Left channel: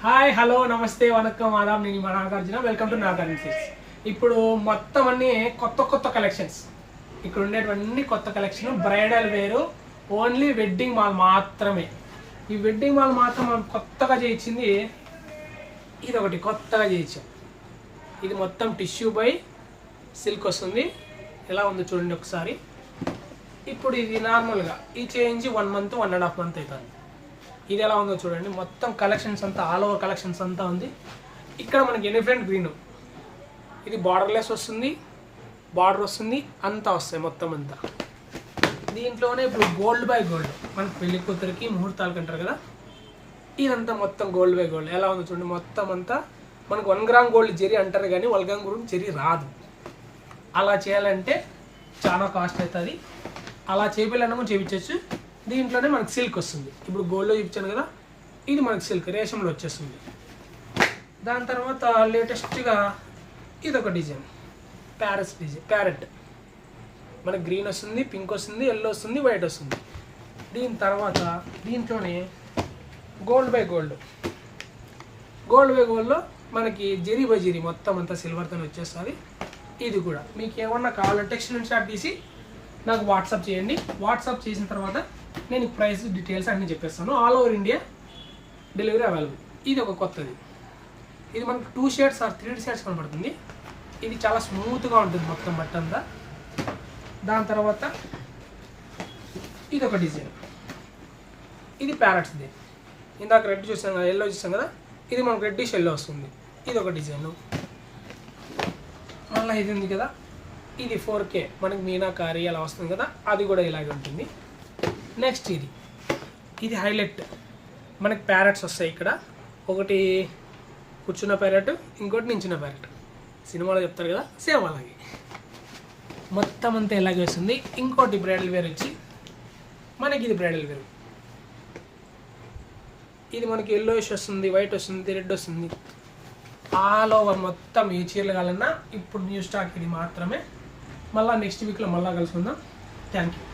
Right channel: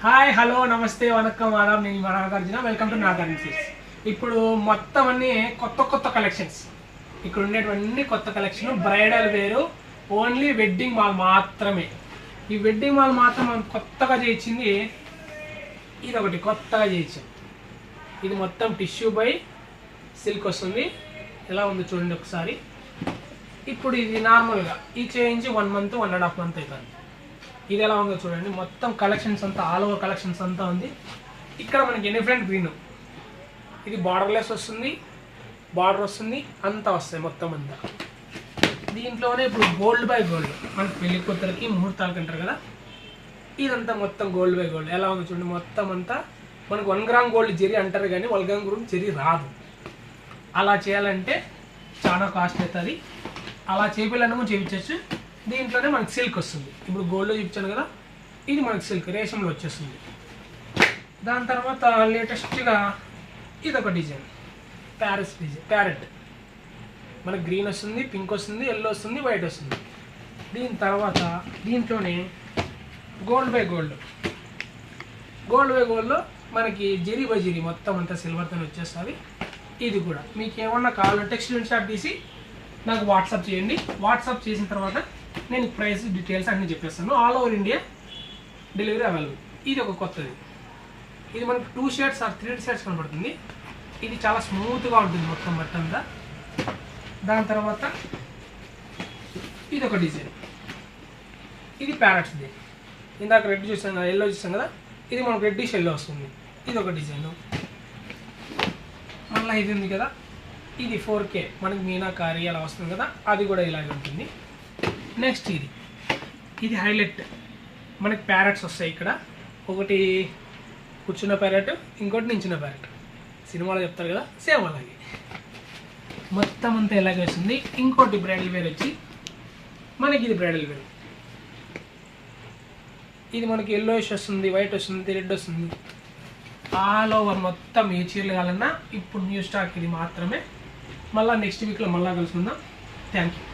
Hi hello నమస్తే వనక్కం ఆదాం నేను Nagarjuna welcome to Nagarjuna silks. ఇప్పుడు మొత్తం అన్ని కొత్త కలెక్షన్స్ ఇక్కడ ఉండేటువంటి కొత్త కలెక్షన్ బ్రైడల్ వేరు ఓన్లీ వెడ్డింగ్ మాల్ మాత్రమే. ఈ వెడ్డింగ్ మాల్ మాత్రం మనం కొత్తగా చేయించింది ఇది ఒకటి కొత్తగా చేయించాం. ఇది మొత్తం టిష్యూ బై సిల్క్ వస్తుంది. ఎలా ఉంది చూడండి ఒకసారి. ఇప్పుడు ఇది నార్మల్గా ఈ చేయించి 1 month 1.5 months అవుతుంది. ఇది ఎలా ఉందో చూడండి. మొత్తం కలెక్షన్స్ అంతా ఆల్ ఓవర్ కలెక్షన్స్ అంతా ఉంది. ఇక్కడ మనకి డిఫరెంట్ గ్రీన్ ఇది బార్డర్లెస్ వస్తుంది, బార్డర్ వస్తుంది, అంతా వస్తాయి మొత్తం అంతా. దీంట్లోనే ఇప్పుడు గోల్డ్ బై గోల్డ్ మనకి పెళ్లి కూతురికి ముహూర్తాలకు అంటారు కదా, ఇదంతా మొత్తం గోల్డ్ బై గోల్డ్ ఎలా ఉందో చూడండి. మొత్తం అంతా మనకు 1 gram గోల్డ్ జరీ అంటారు కానీ 1 gram గోల్డ్ జరీ రాదు. అలా చేయాలంటే చాలా కాస్ట్ అవుతుంది. అలా చేయాలన్నా చేయించవచ్చు. దీంట్లోనే మనకి సిల్క్ వస్తుంది. ఇప్పుడు గోల్డ్లో చూపించాను కదా, ఇది మనకి సిల్క్ రేషంలో వచ్చేస్తుంది. దాని తర్వాత లేటెస్ట్గా ఇది ఒక డిజైన్ ప్యారెట్ మనకి గ్రీన్ వస్తుంది, పింక్ వస్తుంది, ఎల్లో వస్తుంది, వైట్ వస్తుంది. దీని తర్వాత దీంట్లోనే గోల్డ్ బై గోల్డ్లో మనకి జరీ బై జరీ మొత్తం అంతా సిల్వర్తో వచ్చేస్తుంది. ఇది కూడా మీకు ఏమన్నా కావాలంటే స్క్రీన్ షాట్ తీసి నాకు వాట్సాప్ చేయండి. వాట్సాప్ చేసిన తర్వాత నేను ప్రైస్ డీటెయిల్స్ అన్నీ చెప్పేస్తాను. All over India delivery available. ఇది ఒక కొత్తది. ఇది మనకు 2 shades ఆర్ 3 shades కనబడుతుంది. ఇది చాలా స్మూత్గా ఉంటుంది మొత్తం బట్ట అంతా. దాని తర్వాత ఇది ఒక డిజైన్, ఇది ప్యారెట్స్ది. ఇందాక రెడ్ చూసాం కదా, ఎల్లో చూసాం కదా, ఇది మనకు రెడ్డిష్ ఎల్లో వస్తుంది. ఇది ఒక డిజైను. మళ్ళీ ఇది ఉంది కదా, ఇది 4K మనకి మీనాకారి అలా వస్తుంది కదా, అది కూడా ఇలాగే ఉంటుంది. నెక్స్ట్ ఇది హైలైట్ మనకి ప్యారెట్స్ వస్తాయి. ఇక్కడ ఒకటి కూర్చున్న ప్యారెట్, ఇంకోటి నించిన ప్యారెట్. సినిమాలో చెప్తారు కదా, సేమ్ అలాగే మొత్తం అంతా ఇలాగే వస్తుంది. ఇంకోటి బ్రైడల్ వేర్ వచ్చి మనకి ఇది బ్రైడల్ వేర్. ఇది మనకి ఎల్లోయిష్ వస్తుంది, వైట్ వస్తుంది, రెడ్ వస్తుంది. ఆల్ ఓవర్ మొత్తం ఏ చీరలు కావాలన్నా ఇప్పుడు న్యూ స్టాక్ ఇది మాత్రమే. మళ్ళీ నెక్స్ట్ వీక్లో మళ్ళీ కలుసుకుందాం. Thank you.